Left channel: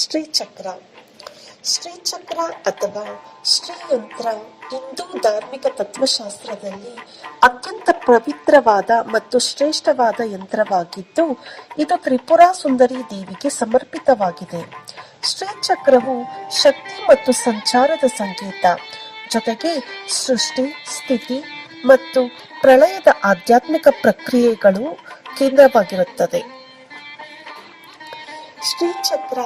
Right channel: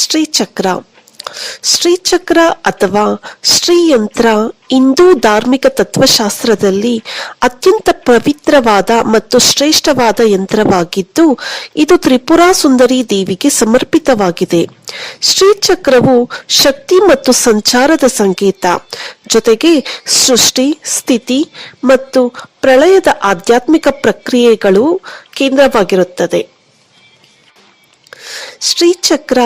ಶ್ರೀಚಕ್ರ. ಶ್ರೀಚಕ್ರ ಅಥವಾ ಶ್ರೀಯಂತ್ರ ಹಿಂದೂ ಧಾರ್ಮಿಕ ತತ್ವಶಾಸ್ತ್ರದಲ್ಲಿ ಅತ್ಯಂತ ಪವಿತ್ರವಾದ ಮತ್ತು ಶ್ರೇಷ್ಠವಾದ ಯಂತ್ರವಾಗಿದ್ದು, ಇದು ತ್ರಿಪುರಾ ಸುಂದರಿ ದೇವಿಗೆ ಸಮರ್ಪಿತವಾಗಿದೆ. ಶ್ರೀಚಕ್ರವು ಶಕ್ತಿ ಮತ್ತು ಸಂಚಾರದ ಸಂಕೇತ. ಜೊತೆಗೆ ಸೃಷ್ಟಿ, ಸ್ಥಿತಿ ಮತ್ತು ಪ್ರಳಯದ ಆಧ್ಯಾತ್ಮಿಕ ಪ್ರಕ್ರಿಯೆಗಳು ಕೇಂದ್ರವಾಗಿರುತ್ತದೆ. ಶ್ರೀಚಕ್ರ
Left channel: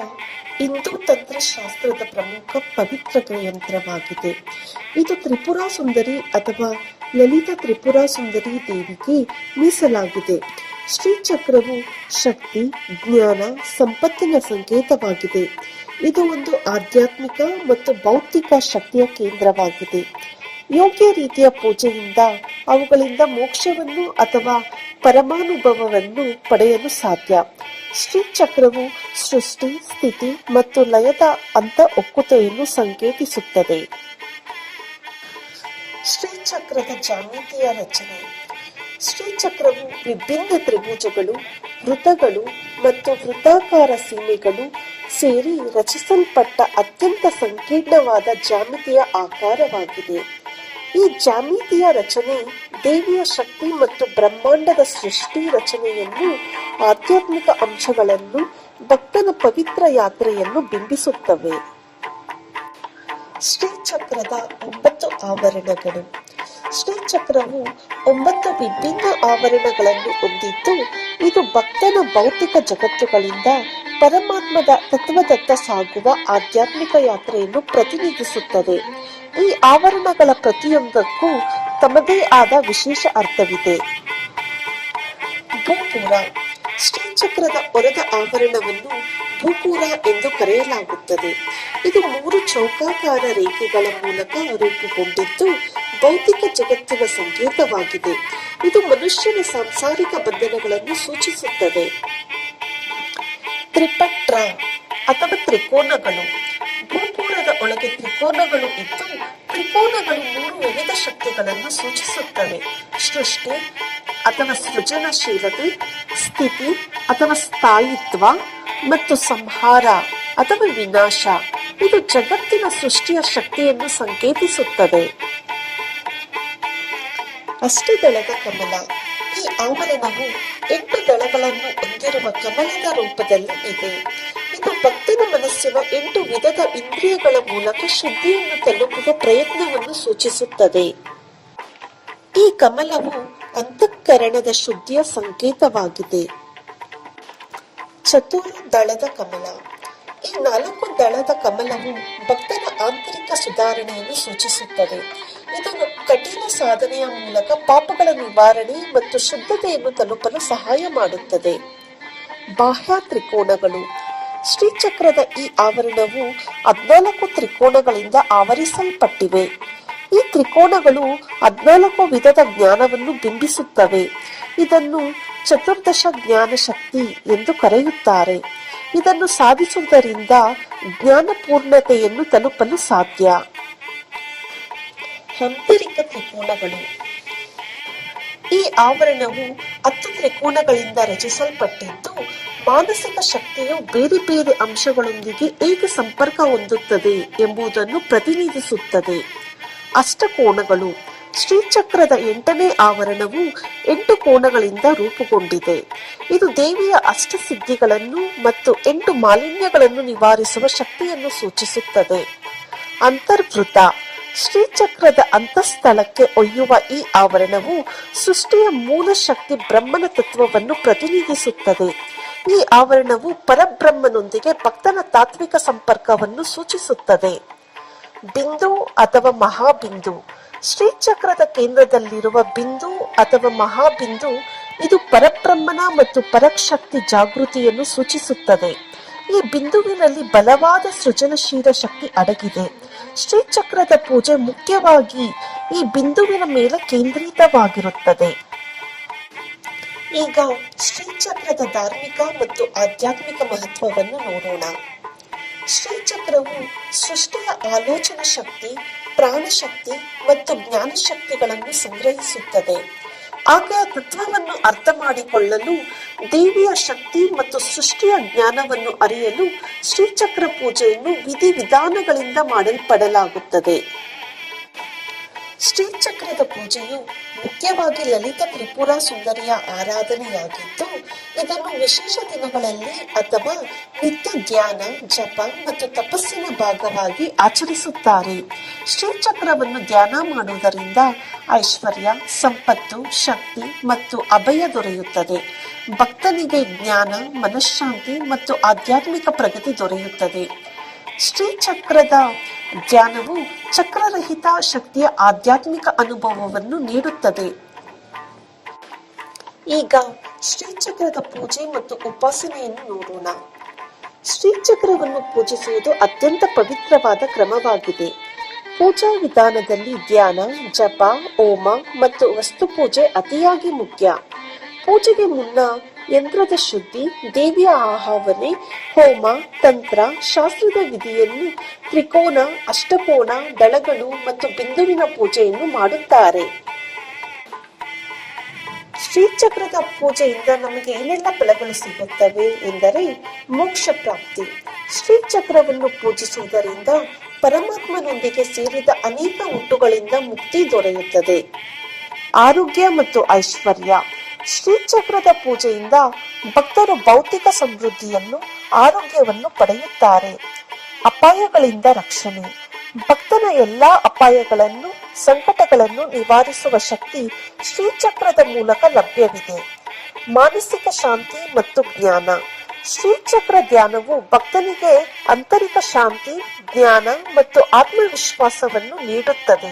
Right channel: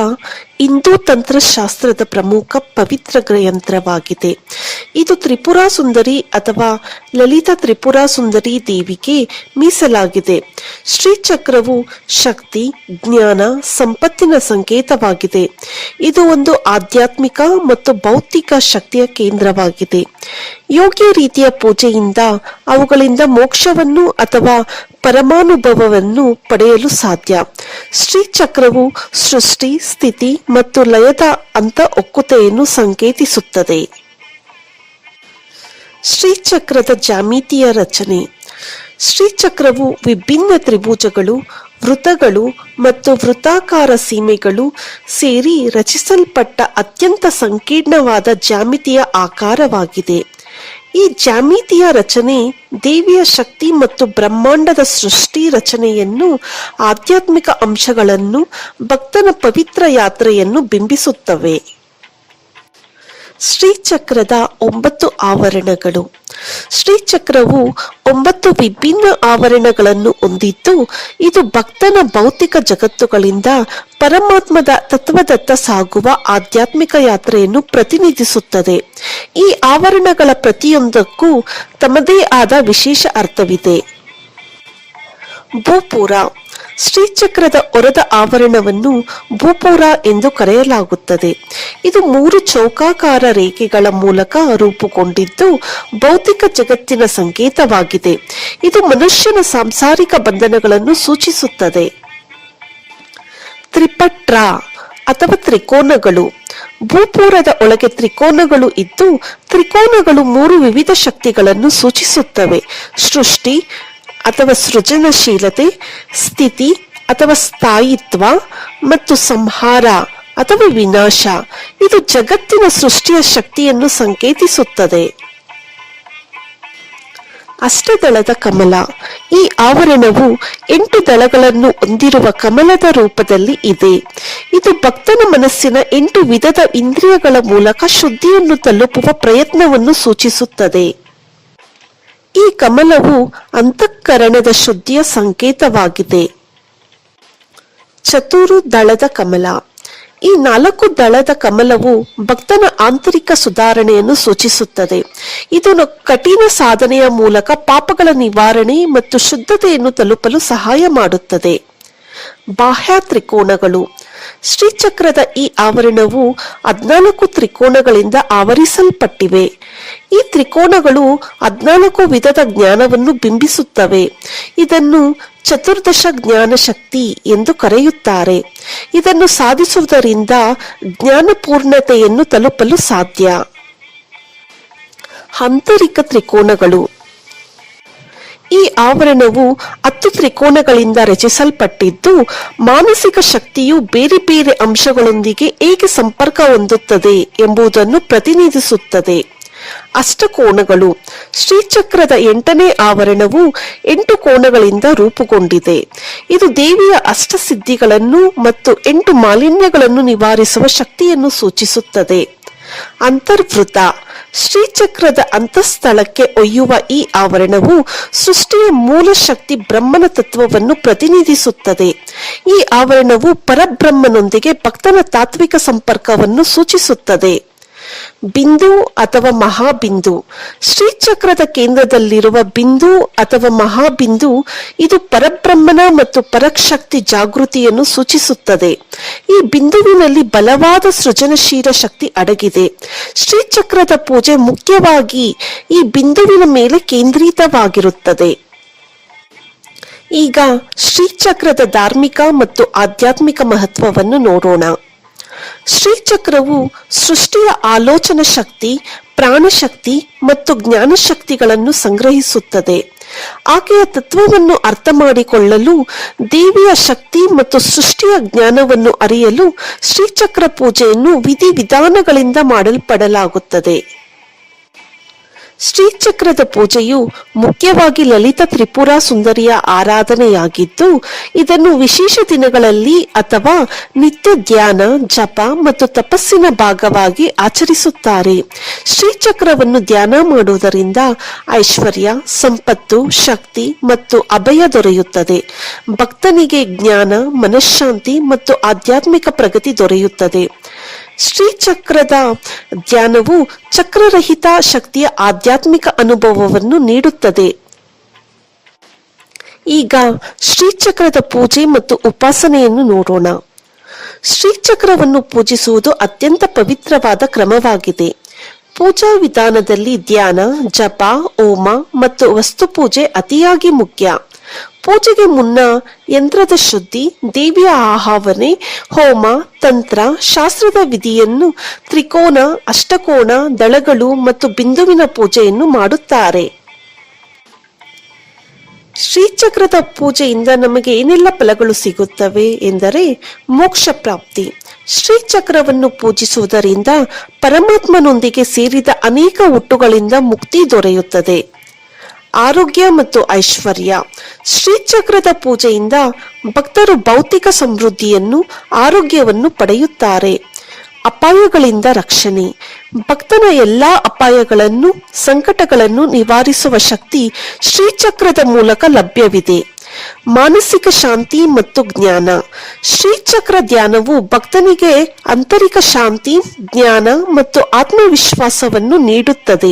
ಹಿಂದೂ ತಂತ್ರಶಾಸ್ತ್ರದ ಪ್ರಮುಖ ಪವಿತ್ರ ಗ್ರಯಂತ್ರವಾಗಿದೆ ಇದು ತ್ರಿಪುರ ಸುಂದರಿ ಅಥವಾ ಲಲಿತಾ ತ್ರಿಪುರಾ ಸುಂದರಿ ದೇವಿಗೆ ಮೀಸಲಾಗಿದೆ. ಶ್ರೀಚಕ್ರವು ಶಕ್ತಿ, ಜ್ಞಾನ, ಸಂಪತ್ತಿನ ಸಂಕೇತವಾಗಿದೆ. ಇದು ಒಂದು ಆಧ್ಯಾತ್ಮಿಕ ಮತ್ತು ಭೌತಿಕ ಶಕ್ತಿಯ ಕೇಂದ್ರವಾಗಿದೆ. ಯೋಗ್ಯ ರೀತಿಯ ಪೂಜೆಯಿಂದ ಅವುಗಳಿಂದ ಮೋಕ್ಷವನ್ನು ಅಥವಾ ಪರಮಾನುಭವವನ್ನು ಪಡೆಯಲು ಸಾಧ್ಯ. ಶ್ರೀಚಕ್ರವು ಸೃಷ್ಟಿ, ಸ್ಥಿತಿ ಮತ್ತು ಲಯದ ಅಂತ ಒಕ್ಕುತೆಯನ್ನು ಸಂಕೇತಿಸುತ್ತದೆ. ಶ್ರೀಚಕ್ರದ ಜಾಮಿತಿಯ ರಚನೆ. ಶ್ರೀಚಕ್ರವು ವಿಭಿನ್ನ ತ್ರಿಭುಜಗಳು, ವೃತ್ತಗಳು ಮತ್ತು ವೃತ್ತಾಕಾರ ಸೀಮೆಗಳು ಸೇರಿ ರಚಿಸಲ್ಪಟ್ಟ ಅತ್ಯಂತ ಸಂಕೀರ್ಣವಾದ ಜಾಮಿತಿಯ ಆಕಾರವಾಗಿದೆ. ಈ ಜಾಮಿತಿಯ ರಚನೆ ದೇವಿಯ ಶಕ್ತಿ ಮತ್ತು ಬ್ರಹ್ಮಾಂಡದ ಸೃಷ್ಟಿ ರಚನೆಯನ್ನು ಆಧ್ಯಾತ್ಮಿಕ ಅಂಶಗಳನ್ನು ಭಕ್ತನ ಪವಿತ್ರ ಯಾತ್ರೆಯನ್ನು ಬಿಂಬಿಸುತ್ತವೆ. ಶ್ರೀಚಕ್ರದ ಒಂಬತ್ತು ಆವರಣಗಳು. ಶ್ರೀಚಕ್ರವು ಒಂಬತ್ತು ವಿಭಿನ್ನ ಆವರಣಗಳನ್ನು ಹೊಂದಿದ್ದು, ಇದು ಭಕ್ತನ ಭೌತಿಕ ಜಗತ್ತುಗಳಿಂದ ಪರಮಾತ್ಮದ ತತ್ವದತ್ತ ಸಾಗುವ ಆಧ್ಯಾತ್ಮಿಕ ಯಾತ್ರೆಯನ್ನು ಪ್ರತಿನಿಧಿಸುತ್ತದೆ. ಈ ಆವರಣಗಳ ಪ್ರತಿಯೊಂದಕ್ಕೂ ತಮ್ಮದೇ ಆದ ವಿಶೇಷ ಅರ್ಥವಿದೆ. ಭೂಪುರ ಶ್ರೀಚಕ್ರದ ಹೊರದ ಆವರಣವನ್ನು ಭೂಪುರ ಎಂದು ಕರೆಯಲಾಗುತ್ತದೆ. ಇದು ಮೂರು ಚೌಕಾಕಾರ ರೇಖೆಗಳ ಮೂಲಕ ರೂಪುಗೊಂಡಿದ್ದು ಭೌತಿಕ ಜಗತ್ತಿನ ಸಂಕೇತವಾಗಿದೆ. ಇದು ಮನುಷ್ಯನ ಸಾಂಸಾರಿಕ ಬಂಧನಗಳನ್ನು ಸೂಚಿಸುತ್ತದೆ. ತ್ರಿಪಟ್ರ ಅಥವಾ ತ್ರಿಕೋನಗಳು. ಭೂಪೂರದ ಒಳಗೆ ತ್ರಿಕೋನಗಳು ಇದ್ದು, ತ್ರಿಕೋನಗಳು ಮೂರು ವಿವಿಧ ಶಕ್ತಿಗಳನ್ನು ಸೂಚಿಸುತ್ತವೆ. ಸೃಷ್ಟಿ ಅಥವಾ ಸೃಜನಶೀಲತೆ, ಸ್ಥಿತಿ ಅಥವಾ ಸ್ಥಾಯಿತ್ವ ಮತ್ತು ಸಂಹಾರ ಅಥವಾ ವಿನಾಶ. ಇದು ಜಗತ್ತಿನ ಸೃಷ್ಟಿಯ ಶಕ್ತಿಯನ್ನು ಸಂಕೇತಿಸುತ್ತದೆ. ಅಷ್ಟದಳದ ಕಮಲ. ಈ ಆವರಣವು ಎಂಟು ದಳಗಳನ್ನು ಹೊಂದಿರುವ ಕಮಲದ ರೂಪದಲ್ಲಿ ಇದೆ. ಇದು ಭಕ್ತನ ಮನಸ್ಸಿನ ಎಂಟು ವಿಧದ ಇಂದ್ರಿಯಗಳ ಮೂಲಕ ಶುದ್ಧಿಯನ್ನು ತಲುಪುವ ಪ್ರಯತ್ನವನ್ನು ಸೂಚಿಸುತ್ತದೆ. ಈ ಕಮಲವು ಅಂತಃಕರಣದ ಶುದ್ಧಿಯ ಸಂಕೇತವಾಗಿದೆ. ಚತುರು ದಳದ ಕಮಲ. ಈ ನಾಲ್ಕು ದಳದ ಕಮಲವು ಭಕ್ತನ ಆಂತರಿಕ ಸುಧಾರಣೆಯನ್ನು ಸೂಚಿಸುತ್ತದೆ. ಇದನ್ನು ಕಠಿಣ ಸಾಧನೆಯ ಮೂಲಕ ಪಾಪಗಳ ನಿವಾರಣೆ ಮತ್ತು ಶುದ್ಧತೆಯನ್ನು ತಲುಪಲು ಸಹಾಯ ಮಾಡುತ್ತದೆ. ಬಾಹ್ಯ ತ್ರಿಕೋನಗಳು. ಶ್ರೀಚಕ್ರದ ಈ ಆವರಣವು ಹದ್ನಾಲ್ಕು ತ್ರಿಕೋನಗಳಿಂದ ಆವರಿಸಲ್ಪಟ್ಟಿವೆ. ಈ ತ್ರಿಕೋನಗಳು ಹದ್ನಾಲ್ಕು ವಿಧದ ಜ್ಞಾನವನ್ನು ಬಿಂಬಿಸುತ್ತವೆ. ಇದನ್ನು ಚತುರ್ದಶ ಜ್ಞಾನ ಶಕ್ತಿ ಎಂದು ಕರೆಯುತ್ತಾರೆ. ಇದನ್ನು ಸಾಧಿಸುವುದರಿಂದ ಜ್ಞಾನಪೂರ್ಣತೆಯನ್ನು ತಲುಪಲು ಸಾಧ್ಯ. ಆಂತರಿಕ ತ್ರಿಕೋನಗಳು. ಈ ಆವರಣವು ಹತ್ತು ತ್ರಿಕೋನಗಳಿಂದ ರಚಿಸಲ್ಪಟ್ಟಿದ್ದು, ಮಾನಸಿಕ ಶಕ್ತಿಯು ಬೇರೆ ಬೇರೆ ಅಂಶಗಳೊಂದಿಗೆ ಹೇಗೆ ಸಂಪರ್ಕ ಹೊಂದುತ್ತದೆ ಎಂಬುದನ್ನು ಪ್ರತಿನಿಧಿಸುತ್ತದೆ. ಅಷ್ಟಕೋನಗಳು. ಶ್ರೀಚಕ್ರದ ಎಂಟನೇ ಆವರಣವು ಎಂಟು ಕೋನಗಳಿಂದ ರೂಪುಗೊಂಡಿದೆ. ಇದು ದೇವಿಯ ಅಷ್ಟಸಿದ್ಧಿಗಳನ್ನು ಮತ್ತು ಎಂಟು ಮಾಲಿನ್ಯಗಳನ್ನು ನಿವಾರಿಸುವ ಶಕ್ತಿಯನ್ನು ಸೂಚಿಸುತ್ತದೆ. ಅಂತರ್ವೃತ. ಶ್ರೀಚಕ್ರದ ಅಂತಃಸ್ಥಳಕ್ಕೆ ಒಯ್ಯುವ ಈ ಆವರಣವು ಸೃಷ್ಟಿಯ ಮೂಲ ಶಕ್ತಿ ಬ್ರಹ್ಮನ ತತ್ವವನ್ನು ಪ್ರತಿನಿಧಿಸುತ್ತದೆ. ಈ ಆವರಣವು ಪರಬ್ರಹ್ಮನೊಂದಿಗೆ ಭಕ್ತನ ತಾತ್ವಿಕ ಸಂಪರ್ಕವನ್ನು ಸೂಚಿಸುತ್ತದೆ. ಬಿಂದು ಅಥವಾ ಮಹಾಬಿಂದು. ಶ್ರೀಚಕ್ರದ ಕೇಂದ್ರದಲ್ಲಿರುವ ಬಿಂದು ಅಥವಾ ಮಹಾಬಿಂದು ಇದು ಪರಬ್ರಹ್ಮನ ಮತ್ತು ಪರಶಕ್ತಿ ಜಾಗೃತಿಯನ್ನು ಸೂಚಿಸುತ್ತದೆ. ಈ ಬಿಂದುವಿನಲ್ಲಿ ಬಲವಾದ ಸೃಜನಶೀಲ ಶಕ್ತಿ ಅಡಗಿದೆ. ಶ್ರೀಚಕ್ರದ ಪೂಜೆ ಮುಖ್ಯವಾಗಿ ಈ ಬಿಂದುವಿನ ಮೇಲೆ ಕೇಂದ್ರಿತವಾಗಿರುತ್ತದೆ. ಈಗ ಶ್ರೀಚಕ್ರದ ಧಾರ್ಮಿಕ ಮತ್ತು ಆಧ್ಯಾತ್ಮಿಕ ಮಹತ್ವವನ್ನು ನೋಡೋಣ. ಶ್ರೀಚಕ್ರವು ಸೃಷ್ಟಿಯ ಆಲೋಚನಾ ಶಕ್ತಿ, ಪ್ರಾಣಶಕ್ತಿ ಮತ್ತು ಜ್ಞಾನ ಶಕ್ತಿಗಳನ್ನು ಸಂಗ್ರಹಿಸುತ್ತದೆ. ಆಕೆಯ ತತ್ವವನ್ನು ಅರ್ಥ ಮಾಡಿಕೊಳ್ಳಲು ದೇವಿಯ ಶಕ್ತಿ ಮತ್ತು ಸೃಷ್ಟಿಯ ಜ್ಞಾನವನ್ನು ಅರಿಯಲು ಶ್ರೀಚಕ್ರ ಪೂಜೆಯನ್ನು ವಿಧಿವಿಧಾನಗಳಿಂದ ಮಾಡಲ್ಪಡಲಾಗುತ್ತದೆ. ಶ್ರೀಚಕ್ರದ ಪೂಜೆಯು ಮುಖ್ಯವಾಗಿ ಲಲಿತ ತ್ರಿಪುರ ಸುಂದರಿಯ ಆರಾಧನೆಯಾಗಿದ್ದು, ಇದನ್ನು ವಿಶೇಷ ದಿನಗಳಲ್ಲಿ ಅಥವಾ ನಿತ್ಯ ಧ್ಯಾನ, ಜಪ ಮತ್ತು ತಪಸ್ಸಿನ ಭಾಗವಾಗಿ ಆಚರಿಸುತ್ತಾರೆ. ಶ್ರೀಚಕ್ರವನ್ನು ಧ್ಯಾನ ಮಾಡುವುದರಿಂದ ಐಶ್ವರ್ಯ, ಸಂಪತ್ತು, ಶಕ್ತಿ ಮತ್ತು ಅಭಯ ದೊರೆಯುತ್ತದೆ. ಭಕ್ತನಿಗೆ ಜ್ಞಾನ, ಮನಃಶಾಂತಿ ಮತ್ತು ಆಧ್ಯಾತ್ಮಿಕ ಪ್ರಗತಿ ದೊರೆಯುತ್ತದೆ. ಶ್ರೀಚಕ್ರದ ಧ್ಯಾನವು ಚಕ್ರರಹಿತ ಶಕ್ತಿಯ ಆಧ್ಯಾತ್ಮಿಕ ಅನುಭವವನ್ನು ನೀಡುತ್ತದೆ. ಈಗ ಶ್ರೀಚಕ್ರದ ಪೂಜೆ ಮತ್ತು ಉಪಾಸನೆಯನ್ನು ನೋಡೋಣ. ಶ್ರೀಚಕ್ರವನ್ನು ಪೂಜಿಸುವುದು ಅತ್ಯಂತ ಪವಿತ್ರವಾದ ಕ್ರಮವಾಗಿದೆ. ಪೂಜಾ ವಿಧಾನದಲ್ಲಿ ಧ್ಯಾನ, ಜಪ ಓಮ ಮತ್ತು ವಸ್ತು ಪೂಜೆ ಅತಿಯಾಗಿ ಮುಖ್ಯ. ಪೂಜೆಗೆ ಮುನ್ನ ಯಂತ್ರದ ಶುದ್ಧಿ, ದೇವಿಯ ಆಹಾವನೆ ಹೋಮ, ತಂತ್ರ, ಶಾಸ್ತ್ರದ ವಿಧಿಯನ್ನು ತ್ರಿಕೋನ ಅಷ್ಟಕೋಣ ದಳಗಳು ಮತ್ತು ಬಿಂದುವಿನ ಪೂಜೆಯನ್ನು ಮಾಡುತ್ತಾರೆ. ಶ್ರೀಚಕ್ರದ ಪೂಜೆಯಿಂದ ನಮಗೆ ಏನೆಲ್ಲ ಫಲಗಳು ಸಿಗುತ್ತವೆ ಎಂದರೆ ಮೋಕ್ಷ ಪ್ರಾಪ್ತಿ. ಶ್ರೀಚಕ್ರವನ್ನು ಪೂಜಿಸುವುದರಿಂದ ಪರಮಾತ್ಮನೊಂದಿಗೆ ಸೇರಿದ ಅನೇಕ ಹುಟ್ಟುಗಳಿಂದ ಮುಕ್ತಿ ದೊರೆಯುತ್ತದೆ. ಆರೋಗ್ಯ ಮತ್ತು ಐಶ್ವರ್ಯ. ಶ್ರೀಚಕ್ರದ ಪೂಜೆಯಿಂದ ಭಕ್ತರು ಭೌತಿಕ ಸಮೃದ್ಧಿಯನ್ನು, ಆರೋಗ್ಯವನ್ನು ಪಡೆಯುತ್ತಾರೆ. ಅಪಾಯಗಳಿಂದ ರಕ್ಷಣೆ. ಭಕ್ತನ ಎಲ್ಲಾ ಅಪಾಯಗಳನ್ನು, ಸಂಕಟಗಳನ್ನು ನಿವಾರಿಸುವ ಶಕ್ತಿ ಶ್ರೀಚಕ್ರದ ಮೂಲಕ ಲಭ್ಯವಿದೆ. ಮಾನಸಿಕ ಶಾಂತಿ ಮತ್ತು ಜ್ಞಾನ. ಶ್ರೀಚಕ್ರ ಧ್ಯಾನವು ಭಕ್ತನಿಗೆ ಆಂತರಿಕ ಶಾಂತಿ, ಜ್ಞಾನ ಮತ್ತು ಆತ್ಮವಿಶ್ವಾಸವನ್ನು ನೀಡುತ್ತದೆ.